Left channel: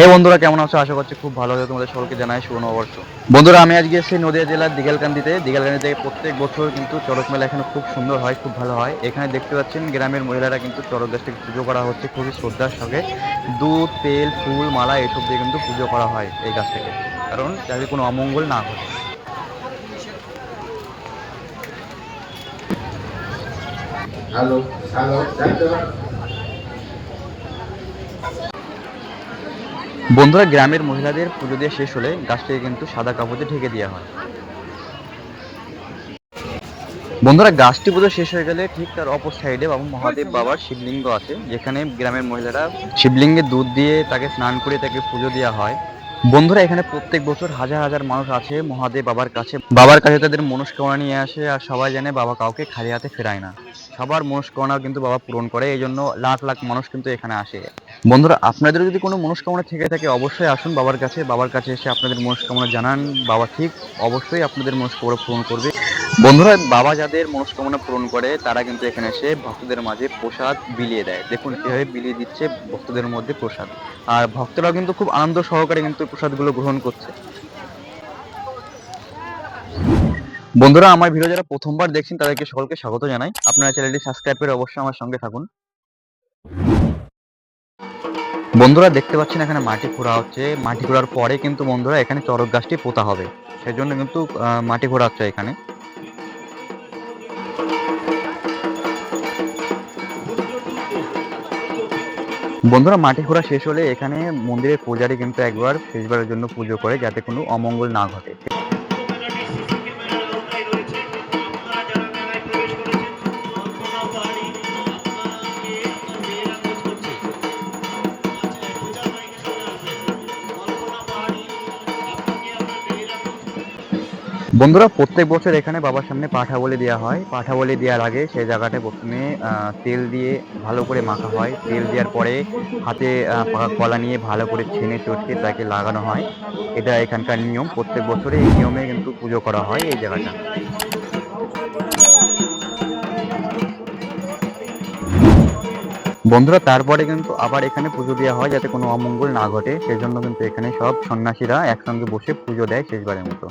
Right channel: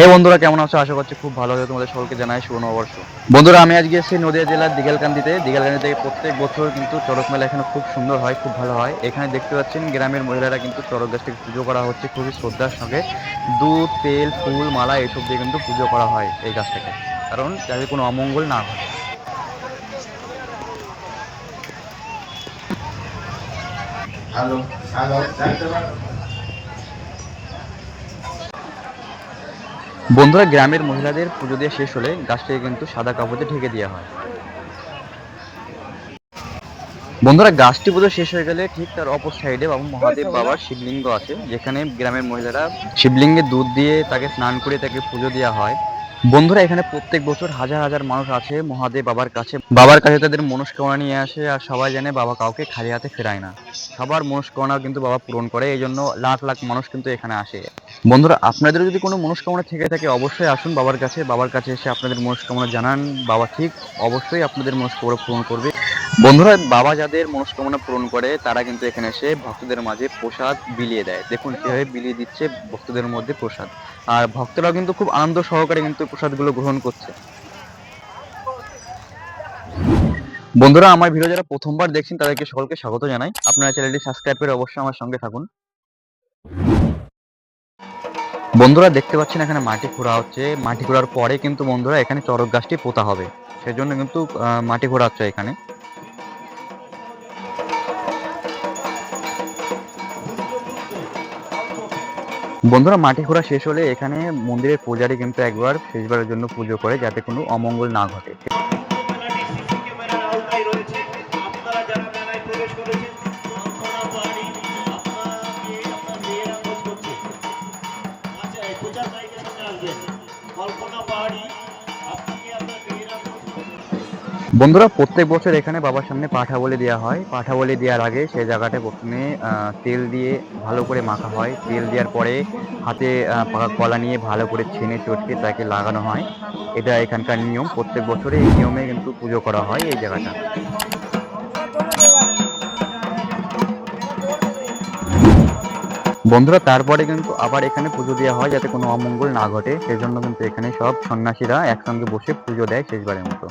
হে বন্ধুরা, কেমন আছো? আশা করছি খুব ভালো আছে। তোমাদের সকলকে জানাই শুভ নববর্ষ। বন্ধুরা, আমি আজকে এসেছি নদিয়া জেলার দিঘালকান্দিতে প্রত্যেক বছর কিন্তু চড়ক মেলা এখানে খুব সুন্দর হয়, খুব ভালো হয়। এখানে দেখতে পাচ্ছেন গ্রামের মহিলারা কিন্তু চড়ক গাছটিকে পুজো করা হচ্ছে খুবই শ্রদ্ধার সঙ্গে। দুধ, তেল, ফুল, মালা এসব দিয়ে কিন্তু পুজো করা হয় এই গাছটাকে, কারণ যাতে কোনো অমঙ্গল না ঘটে। হ্যালো, হ্যালো, বন্ধুরা, গ্রামের মহিলাদের পুজো দিয়ে শেষ হলে গাছটাকে কিন্তু সাদা কাপড় দিয়ে ঢেকে দেওয়া হয়। বন্ধুরা, গাছটি পুজো শেষ হয়ে গেলে ঠিক তার অপর সাইডে বাবা মহাদেব বাবার শিবলিঙ্গ আছে, যেখানে গ্রামের মহিলারা শিবলিঙ্গে দুধ দিয়ে তাকে স্নান করে তাকে পুজো দেওয়া হয়। বন্ধুরা, এখানে প্রত্যেক বছর হাজার হাজার মানুষ আছে মহাদেব বাবার কাছে তাদের মনস্কামনা নিয়ে আসে। আর সবাই জানে বাবা কাউকে খালি হাতে ফেরায় না, সবার মনস্কামনা কিন্তু বাবা পূরণ করে। এই জন্য লাখ লাখ মানুষ কিন্তু এখানে আসে। বন্ধুরা, আপনাদের যদি কোনো মনস্কামনা থেকে থাকে অবশ্যই আসুন বাবার কাছে এসে আপনাদের মনস্কামনা জানান। বাবা ঠিক অবশ্যই আপনাদের মনস্কামনা পূরণ করবে। বন্ধুরা, বাবা যাদের মনস্কামনা পূরণ করে তারা কিন্তু এখানে এসে ভক্তদের মাঝে প্রসাদ বিলিয়ে দেয়। দেখুন কিভাবে বিলিয়ে দিচ্ছে ভক্তদের মধ্যে প্রসাদ। আর ভক্তরাও কিন্তু খুব আনন্দ সহকারে কিন্তু প্রসাদগুলো গ্রহণ করছে। বন্ধুরা, আমার ভিডিও যারা প্রথমবার দেখছেন তাদেরকে সকলকে স্বাগত জানাই। আপনারা চ্যানেলটি সাবস্ক্রাইব করে অবশ্যই আমার সঙ্গে থাকুন। বন্ধুরা, দেখতে পাচ্ছেন এখানে মাটি খোঁড়া হচ্ছে। মাটি খোঁড়ার পরে কিন্তু বন্ধুরা এখানে চড়ক গাছটি পোতা হবে, সেজন্য কিন্তু মাটি খোঁড়া হচ্ছে এখানে। বন্ধুরা, মাটি খোঁড়া শেষ হলে এখানে মন্দিরের পূজারী কিন্তু একবার শেষবারের জন্য পুজো করে, যাতে কোনো অমঙ্গল না ঘটে। বন্ধুরা, প্রত্যেক বছর এখানে বাবার সামনে পাঠা বলি দেওয়া হয়। পাঠা বলি দেওয়ার আগে সেই জায়গাটা প্রথমে তেল দিয়ে ভালো করে মাখা হয়। তেল দেওয়ার পরে হাতে পাকা কলা নিয়ে ভালো করে ছেনে চটকে তাকে লাগানো হয়। এটা এখানকার নিয়ম। প্রত্যেক বছরে এই নিয়মে কিন্তু পুজো করা হয় এই জায়গাটা। বন্ধুরা, তারপরে কিন্তু আবার এখানে পুজো দেওয়া হয় যাতে কোনো অমঙ্গল না ঘটে, সেজন্য কিন্তু এখানে সব সন্ন্যাসীরা একসঙ্গে বসে পুজো দেয় শেষবারের মতো।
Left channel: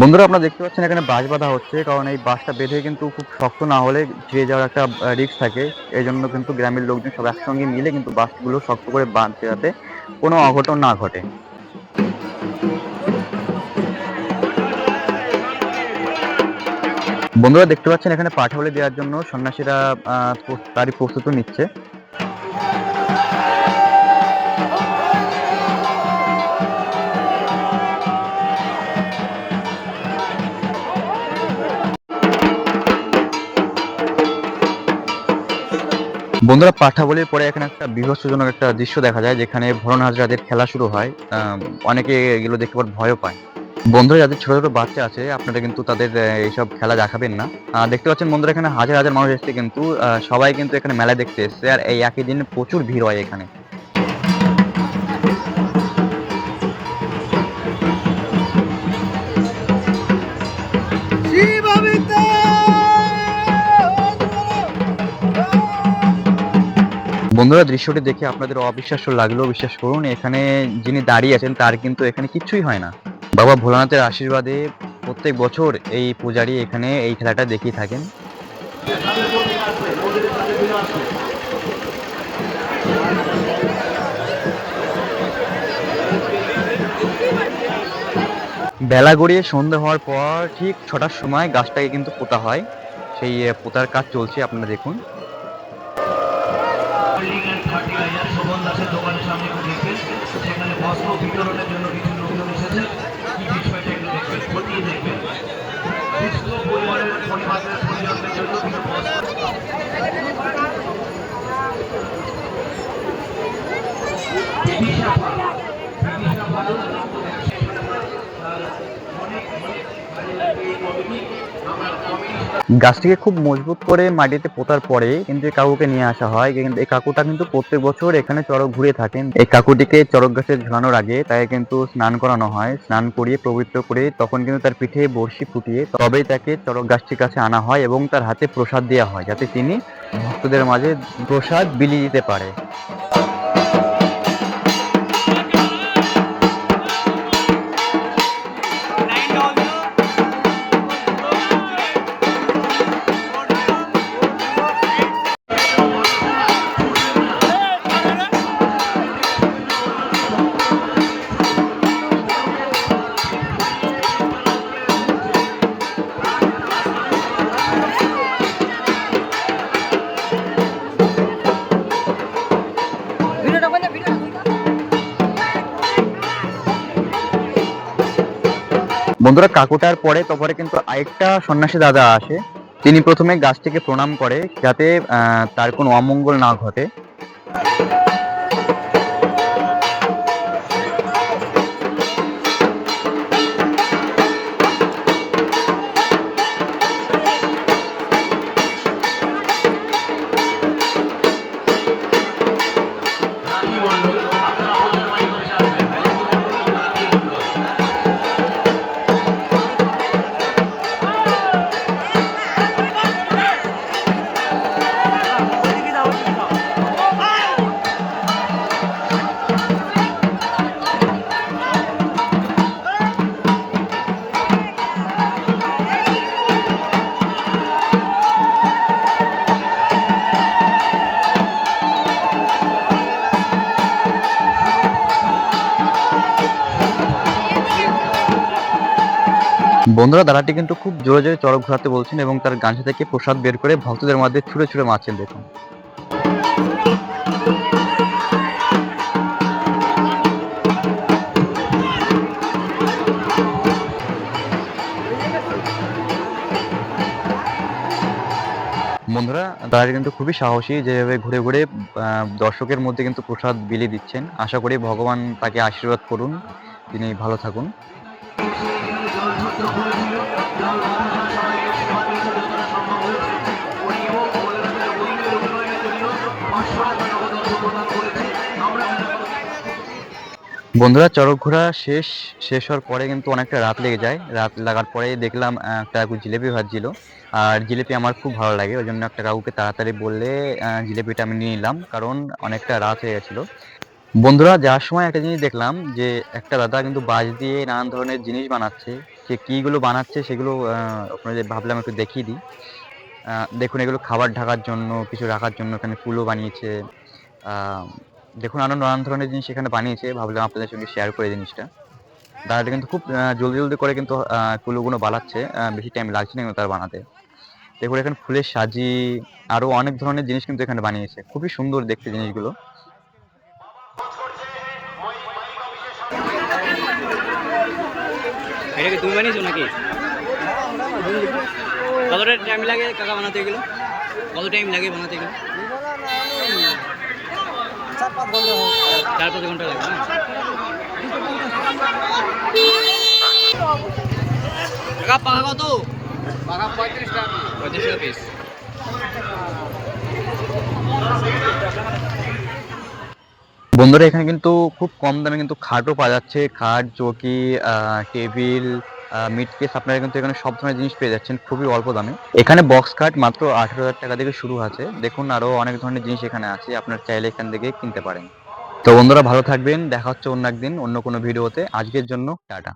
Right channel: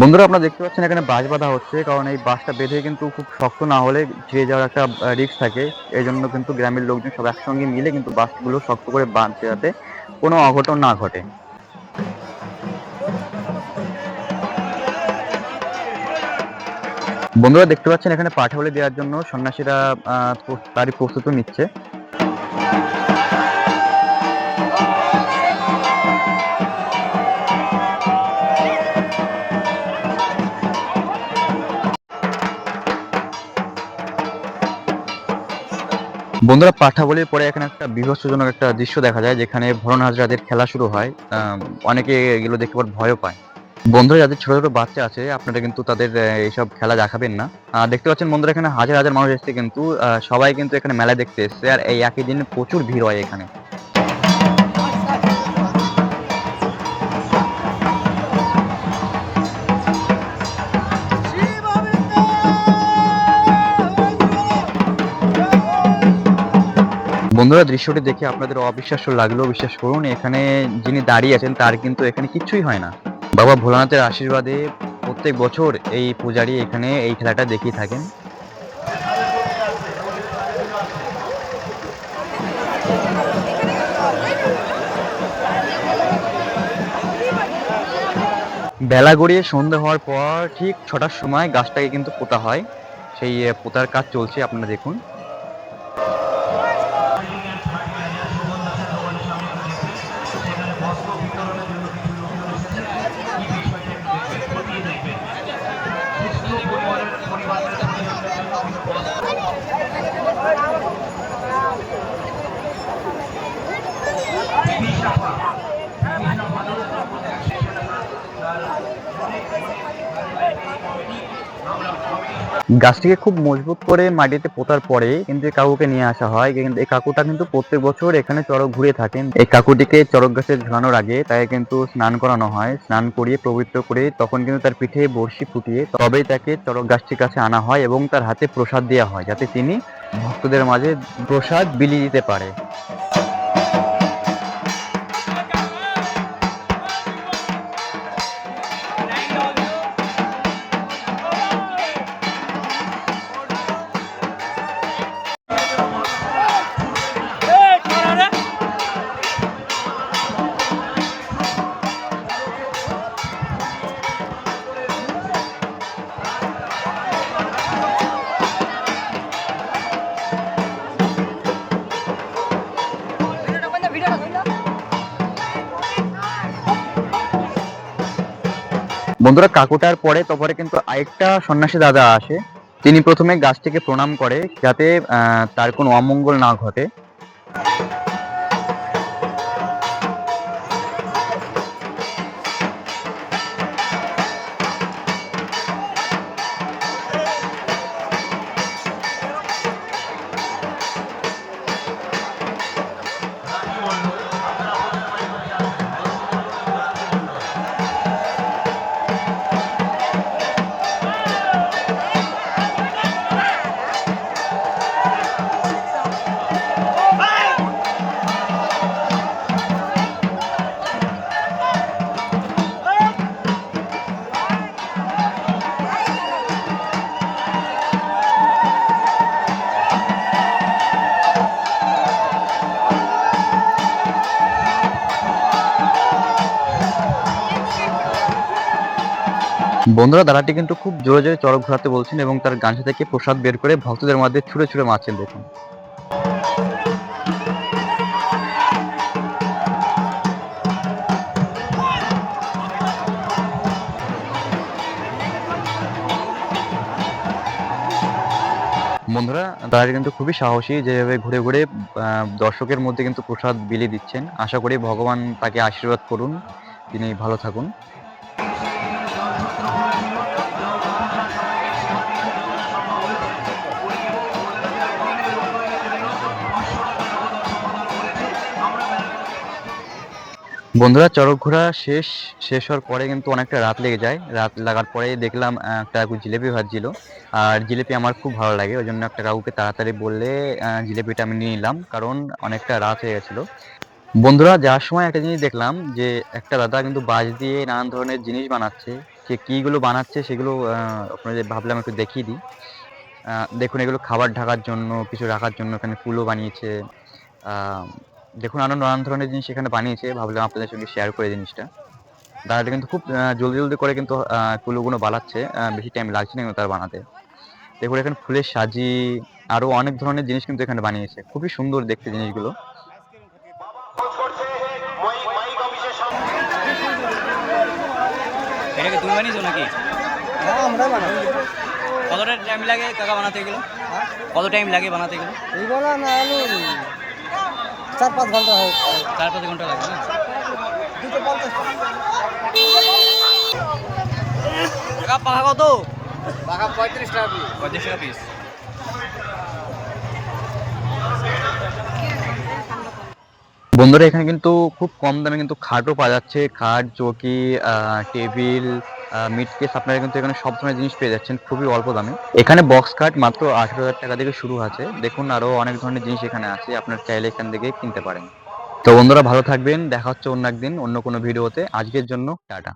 বন্ধুরা, আপনারা দেখতে পাচ্ছেন এখানে বাঁশ বাঁধা হচ্ছে, কারণ এই বাঁশটা বেঁধে কিন্তু খুব শক্ত না হলে ছিঁড়ে যাওয়ার একটা রিস্ক থাকে। এই জন্য কিন্তু গ্রামের লোকজন সব একসঙ্গে মিলে কিন্তু বাঁশগুলো শক্ত করে বাঁধছে, যাতে কোনো অঘটন না ঘটে। বন্ধুরা, দেখতে পাচ্ছেন এখানে পাঠাবলি দেওয়ার জন্য সন্ন্যাসীরা তারই প্রস্তুতি নিচ্ছে। বন্ধুরা, পাঠা বলির পরে এখানে একটা বীভৎসজনক একটা দৃশ্য দেখা যায়, যেখানে ভরণ হাজরাদের খেলা শুরু হয়। অনেকে এগুলো দেখে পর ভয়ও পায়। বন্ধুরা, যাদের ছোট ছোট বাচ্চা আছে আপনারা কিন্তু তাদের এইসব খেলা দেখাবেন না। দেখতে পাচ্ছেন বন্ধুরা, এখানে হাজার হাজার মানুষ এসছে, কিন্তু সবাই কিন্তু এখানে মেলা দেখতে এসছে। আর এই একই দিনে প্রচুর ভিড় হয় এখানে। বন্ধুরা, দৃশ্যটি দেখে আপনাদের অবিশ্বাস্য লাগলেও বিশ্বাস করুন, এখানে যিনি দাঁড়িয়ে আছেন তার কিন্তু এখানে কিচ্ছুই হয় না। বাবা ভোলানাথের আশীর্বাদে প্রত্যেক বছর এই পূজারী এখানে এই খেলাটা দেখিয়ে থাকেন। বেলা গড়িয়ে সন্ধ্যা হওয়ার পর ঠিক ৬টার সময় গাছটাকে কিন্তু পোতা হয়। সেই পোতার কাজ চলছে, আপনারা দেখুন। গাছটিকে খুব মজবুত করে মাটিতে পোঁতার পরে কিন্তু এই কাকুকে নিয়ে আসা হয়। কিন্তু এই কাকুটা কিন্তু প্রত্যেক বছর এখানে চড়ক ঘুরে থাকেন। এই কাকুটিকে চড়ক গাছে ঝুলানোর আগে তাকে কিন্তু স্নান করানো হয়। স্নান করিয়ে পবিত্র করে তখন কিন্তু তার পিঠে বড়শি ফুটিয়ে তবেই তাকে চড়ক গাছটির কাছে আনা হয় এবং তার হাতে প্রসাদ দেওয়া হয়, যাতে তিনি ভক্তদের মাঝে প্রসাদ বিলিয়ে দিতে পারে। বন্ধুরা, কাকুটার পরে তারপরে কিন্তু আরেকটা সন্ন্যাসী দাদা আসে। তিনি প্রথমে গাছটিকে প্রণাম করে যাতে তার কোনো অমঙ্গল না ঘটে। বন্ধুরা, দাদাটি কিন্তু খুব জোরে জোরে চড়ক ঘোরাতে বলছেন এবং তার গামছা থেকে প্রসাদ বের করে ভক্তদের মধ্যে ছুঁড়ে ছুঁড়ে মারছেন, দেখুন। বন্ধুরা, দাদাটি কিন্তু খুবই সাহসী, যেভাবে ঘুরে ঘুরে দর্শকের মধ্যে কিন্তু প্রসাদ বিলিয়ে দিচ্ছেন। আশা করি ভগবান তাকে আশীর্বাদ করুন, তিনি ভালো থাকুন। বন্ধুরা, চড়ক ঘোরা শেষ হওয়ার পরে কিন্তু অনেকটা রাত লেগে যায়। রাত লাগার পরে দেখলাম একটা কাকু জিলেপি ভাজছিল। আর জিলেপি আমার খুব ভালো লাগে, ওই জন্য একটা কাকুকে তাড়াতাড়ি বললে জিলেপিটা আমি নিয়ে নিলাম, কারণ অনেকটা রাত হয়ে গেছিল। বন্ধুরা, যাওয়ার সময় একটা জিনিস দেখলাম যে একটা দাদা কিন্তু বাঁশ দিয়ে নানান ধরনের জিনিস বানাচ্ছে। সে কিগুলো বানাচ্ছে সেগুলো আপনাদের ভাবলাম একটু দেখিয়ে দিই। দেখুন, এগুলো খাবার ঢাকার জন্য, কিছু রাখার জন্য এখানে ফুলও বানিয়েছে। আহ, দেখুন, আরো নানান ধরনের জিনিস এখানে বানিয়েছে, ভাবলাম আপনাদের সঙ্গে শেয়ার করে জিনিসটা। দাদাটা কিন্তু খুব জলদি জলদি করে কিন্তু কুলোগুলো বানাচ্ছে, বেশি টাইম লাগছে না কিন্তু তার বানাতে। দেখুন, এখানে ফুলের সাজি আরো অনেক ধরনের জিনিস কিন্তু এখানে বানিয়েছে, খুবই সুন্দর দেখতে জিনিসগুলো। এটা কি তুমি বানিয়েছো নাকি? কতটা টাইম লাগে কাকা বানাতে এগুলো? কত টাইম লাগে বানাতে এগুলো? 4-5 ঘন্টা লাগে না? কাকা পাখা কত? পাখা 35 টাকা পিস। 35 টাকা পিস। বন্ধুরা, এখানে কিন্তু খুব কম দামে কিন্তু খাটও পাওয়া যাচ্ছে। খাট, চৌকি, টেবিল, মিট কেস, আপনারা কিন্তু এখানে সব ধরনের জিনিস পেয়ে যাচ্ছেন খুবই অল্প দামে। এখানে বক্স খাট মাত্র 18,000 টাকা থেকে শুরু আছে। দেখুন, আরো অনেক ধরনের জিনিস এখানে আছে, আপনার চাইলে এখান থেকে কিনতে পারেন। তো বন্ধুরা, ভালো থাকবেন, দেখা হচ্ছে অন্য একদিন অন্য কোনো ভিডিওতে। আজকের জন্য টাটা।